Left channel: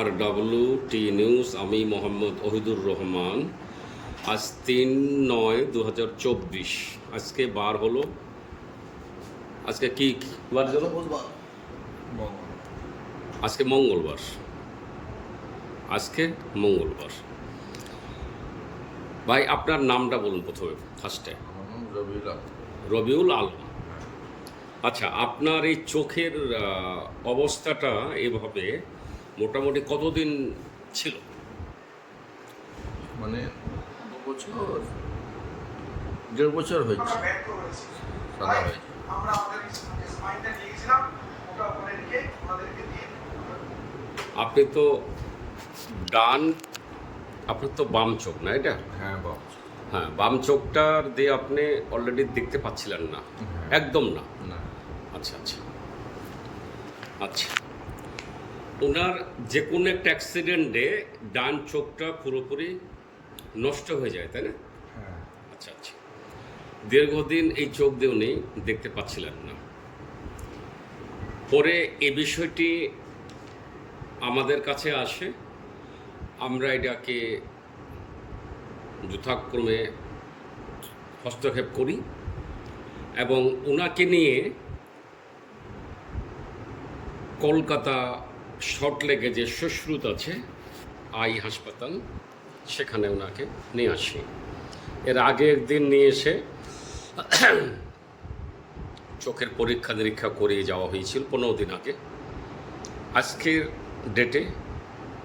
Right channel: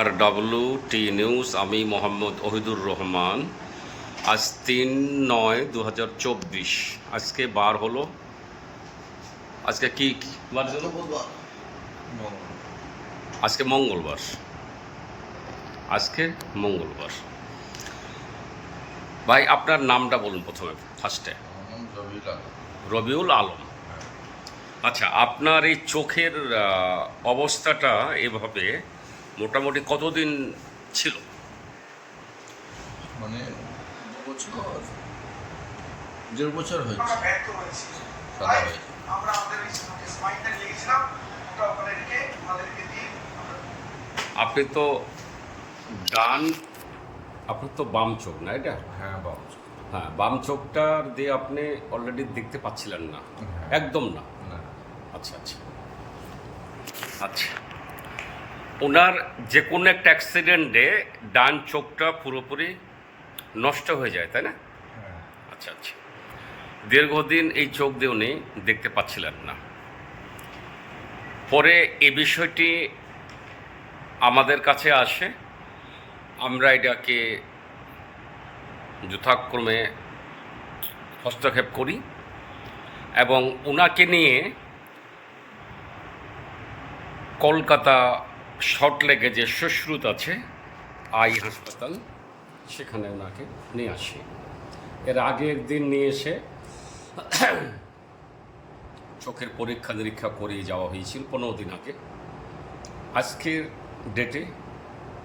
আর WT news, আমি মোহাম্মদ ওহিদুর রহমান। আজ 3/9/2024। আজকে বার হলো, আজকে কি বার হলো? আজকে মঙ্গলবার। ভাই, আপনার নামটা বলুন প্রথমে, ফার্স্টে। আমার নাম রবিউল আলম। রবিউল আলম। হ্যাঁ। আচ্ছা, আপনার এই চোখের অবস্থাটা এভাবে মোটামুটি কতদিন ছিল? মানে 1.5 বছর হয়েছে, সাদা হয়েছে। আপনি তো ডান, আপনার তো বাম চোখ না এটা? হ্যাঁ বাবু। হ্যাঁ, বাম চোখটার দিয়ে আপনি অলরেডি দেখতে পাচ্ছিলেন না? হ্যাঁ। একদম না? না। আচ্ছা আচ্ছা আচ্ছা। ওনার যে কোনো একটা অ্যাক্সিডেন্টে ডান চোখটা পুরোপুরি নষ্ট হয়ে যায়, তাই না? হ্যাঁ। আচ্ছা আচ্ছা। দীর্ঘদিন এই চোখ দিয়ে উনি দেখতে পাচ্ছিলেন না। পরে এই বিষয়টি আমাদের কাছে আসে, আমরা এটাকে যথাক্রমে হস্তক্ষেপ করি এবং ওনাকে নিয়ে কলকাতা সল্টলেকে যে সুশ্রুত আছে আই হাসপাতাল, সেখানে ওনাকে নিয়ে আসি। এর আগে একদিন নিয়ে এসে চোখের পরীক্ষা নিরীক্ষা করিয়ে যাওয়া হয়েছিল 15 দিন আগে। আজকের ডেটে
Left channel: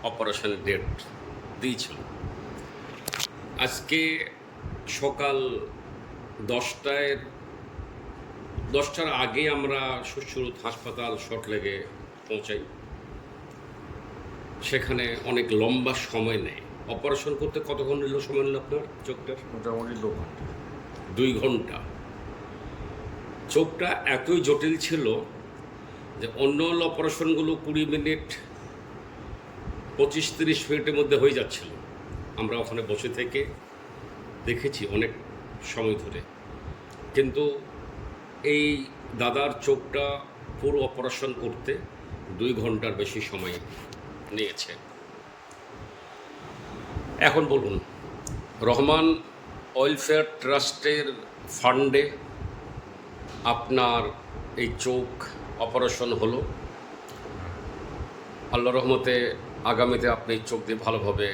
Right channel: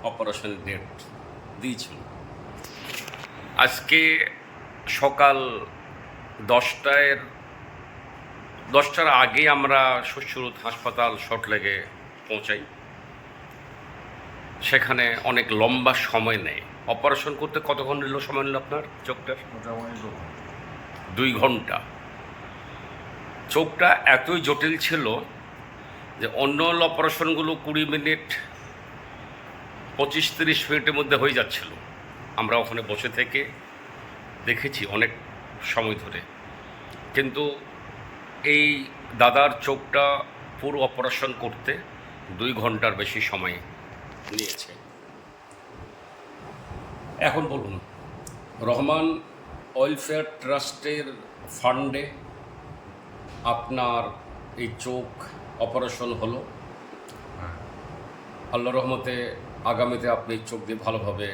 অপারেশনের ডেট দিয়েছিল। আজকে সকাল 10টার আগে আমরা সুশ্রুত হাসপাতাল সল্টলেকে পৌঁছাই। সেখানে অনেক লম্বা সময় নেয়। অপারেশন করতে কতক্ষণ সময় নিল আপনার চোখটার? মোটামুটি 2 ঘন্টা। 2 ঘন্টা। চোখটা এতই জটিল ছিল যে অন্য অপারেশনগুলো 20 মিনিট 25-30 মিনিটের মধ্যে হয়ে যাচ্ছিল। আমরা ওখানে বসে থেকে দেখেছি অনেক সময় ধরে, কিন্তু এই দাদার চোখটা পুরো অপারেশন করতে 2 ঘন্টার বেশি সময় নিয়েছে। এখন বলুন, রহমান ওয়েলফেয়ার ট্রাস্টের ফান্ডে আপনার এই চোখ অপারেশন হলো। হ্যাঁ। আল্লাহ রহমতে আগামীতে আপনি চোখ দিয়ে ভালোভাবে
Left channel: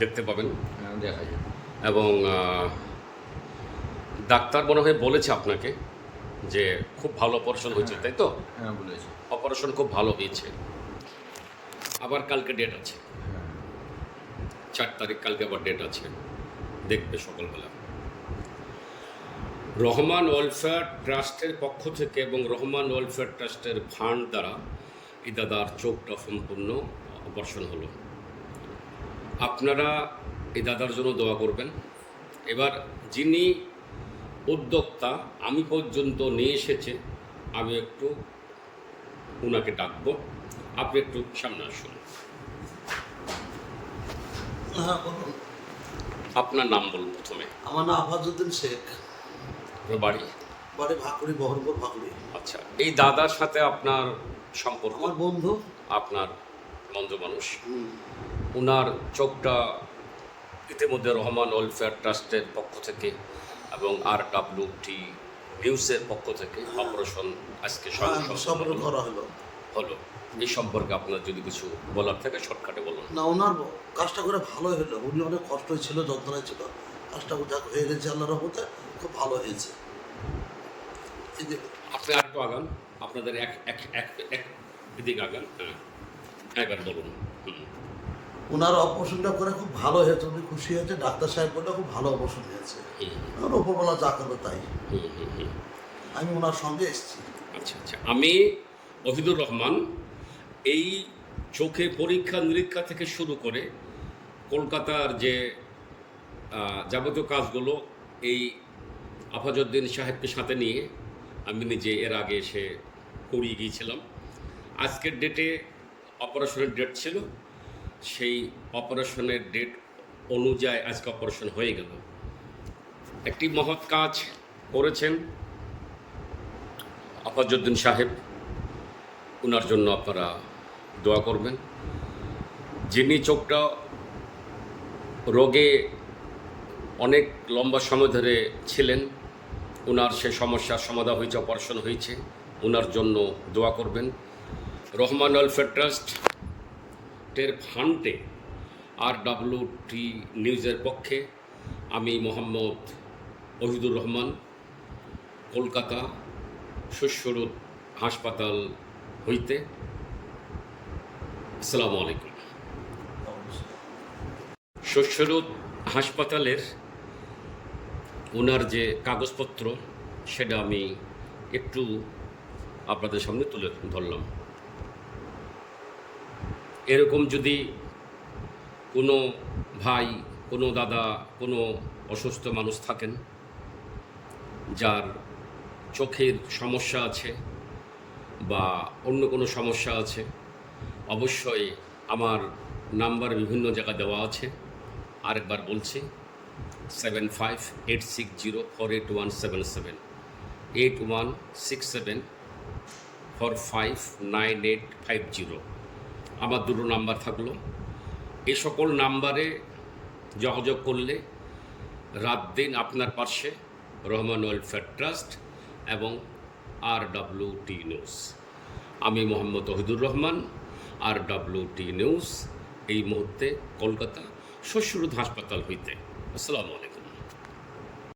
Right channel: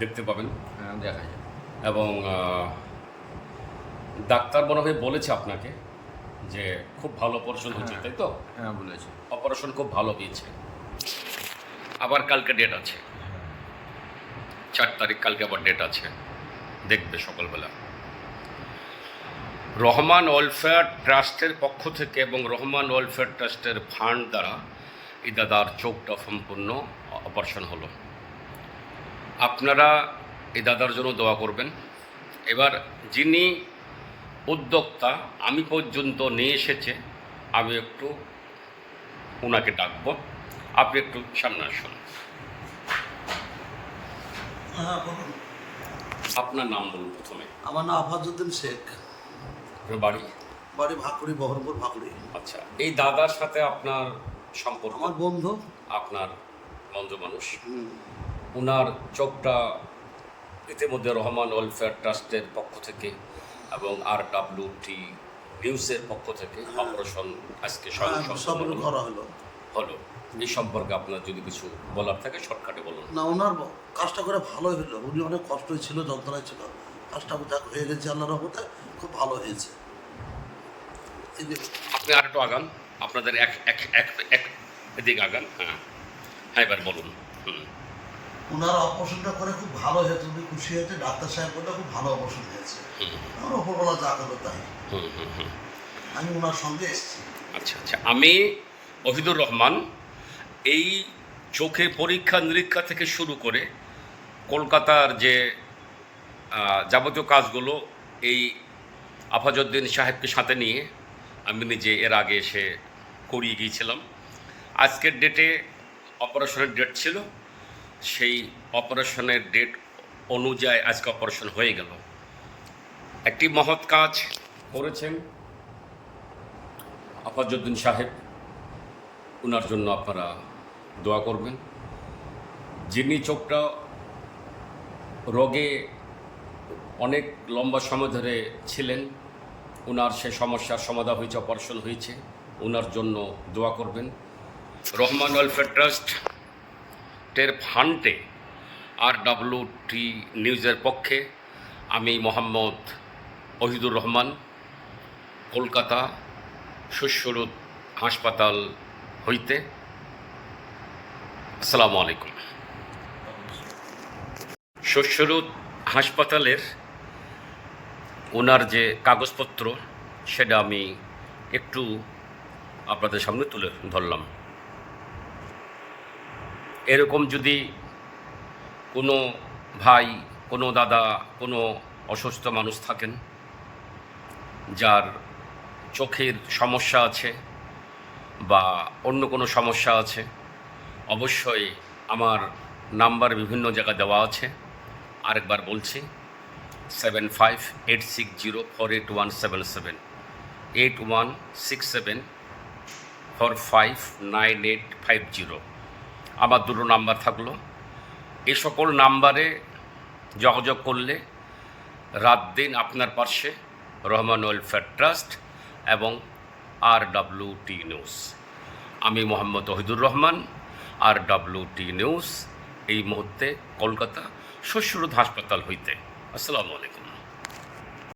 দেখতে পাবেন। হ্যাঁ, দেখা যাবে। এবং ডাক্তার মনে হয় বলেছে আপনাকে যে খুব ভালো অপারেশন হয়েছে, তাই তো? হ্যাঁ বলেছে। অপারেশন খুব ভালো হয়েছে। আবার কালকে ডেট আছে, 4 তারিখ, কালকে আবার ডেট আছে, দেখবে সকালবেলা। রহমান ওয়েলফেয়ার ট্রাস্টের পক্ষ থেকে এবং রহমান ওয়েলফেয়ার ট্রাস্টের ফান্ড দ্বারা এই দাদার চোখটা সম্পূর্ণ অপারেশন হলো। আপনারা এই দাদার জন্য দোয়া করবেন। এবার যিনি উদ্যোক্তা আমি পর্যন্ত নিয়ে এসেছে, আমি একটু ওনাকে ডাকবো। আপনি একটু সামনে আসুন। আপনার নাম বলুন প্রথমে। আমার নাম আফাজউদ্দিন শেখ। আপনার বাড়ি? বাড়ি ভাকুড়ি, বহরমপুর ভাকুড়ি। আচ্ছা, এই দাদার সাথে আপনার সম্পর্ক? আমার বন্ধু। আপনার বন্ধু মানুষ। ওনার চোখটা ইতিমধ্যে রহমান ওয়েলফেয়ার ট্রাস্টের পক্ষ থেকে এবং RWT নিউজের পক্ষ থেকে অপারেশন আজকে সম্পর্ক করা হলো। এই সম্পর্কে আপনার যদি কিছু বলার থাকে শর্টকাটে বলুন। না, ওনার কাজটা করে ভালোই হলো। উনি অনেক কষ্টই ছিল, যন্ত্রণায় ছিল। কাজটা যাক হয়ে গেছে, আল্লাহর রহমতে খুব ভালো হয়েছে। এই যে আপনি আর একটু আগান, আপনাদের এক এক এক এক এদিকে আগান। হ্যাঁ হ্যাঁ, এবার বলুন। ওনার অপারেশনটা করে খুব ভালো হয়েছে, উনি খুশি হয়েছে। ডাক্তার সাহেব বললে খুব ভালো অপারেশন হয়েছে। আমার ওপরবেলা যা করলো তাই। আমি ওনার সঙ্গে এসেছি। আচ্ছা আচ্ছা, আমি ওহিদুর রহমান। এই চোখে পরীক্ষা নিরীক্ষা থেকে শুরু করে কলকাতার যে যাবতীয় কাজগুলো এই আফাজউদ্দিন সাহেবকে সাথে নিয়ে আমি নিজে এর আগে এসে করিয়ে গিয়েছিলাম। আজকের ডেটে অপারেশনের ডেট ছিল, সেই অপারেশনের ডেট অনুযায়ী আজকে অপারেশন হয়ে গেল। একটি মহৎ কাজ করেছেন আফাজউদ্দিন সাহেব, ওনার জন্য আপনারা দোয়া করবেন। যিনি চোখটা রোগে অনেক লম্বা সময় ধরে ছিলেন, ওনার সে সমস্যার সমাধান হয়েছে, অপারেশন হয়েছে, ওনার জন্য দোয়া করবেন। রহমান ওয়েলফেয়ার ট্রাস্টের ফান্ডে RWT নিউজের পক্ষে আমি মোহাম্মদ ওহিদুর রহমান, কলকাতা শস্যরোদ হাসপাতাল হইতে। আসসালামু আলাইকুম। শস্যরোদ হাসপাতালের ওনার যে কাগজপত্র সেটা আমি একটু আপনাদের সামনে তুলে ধরলাম। এরকম যদি কোনো ভাই, কোনো দাদা, কোনো অসুস্থ মানুষ থাকেন যার চোখের সমস্যা আছে বা অন্য কোনো সমস্যা আছে, অবশ্যই আমার নাম্বার বিভিন্ন জায়গায় দেওয়া আছে। আরেকবার বলছি, 7586048177, 8167459850 আমার দুটো নাম্বার থাকলো। এই সকল নাম্বারে যোগাযোগ করলে রাত দিন আপনার পাশে রহমান ওয়েলফেয়ার ট্রাস্ট এবং RWT নিউজ। আমি মোহাম্মদ ওহিদুর রহমান, RWT নিউজ, এই মুহূর্তে কলকাতা শস্যরোদ হাসপাতাল হইতে। আসসালামু আলাইকুম।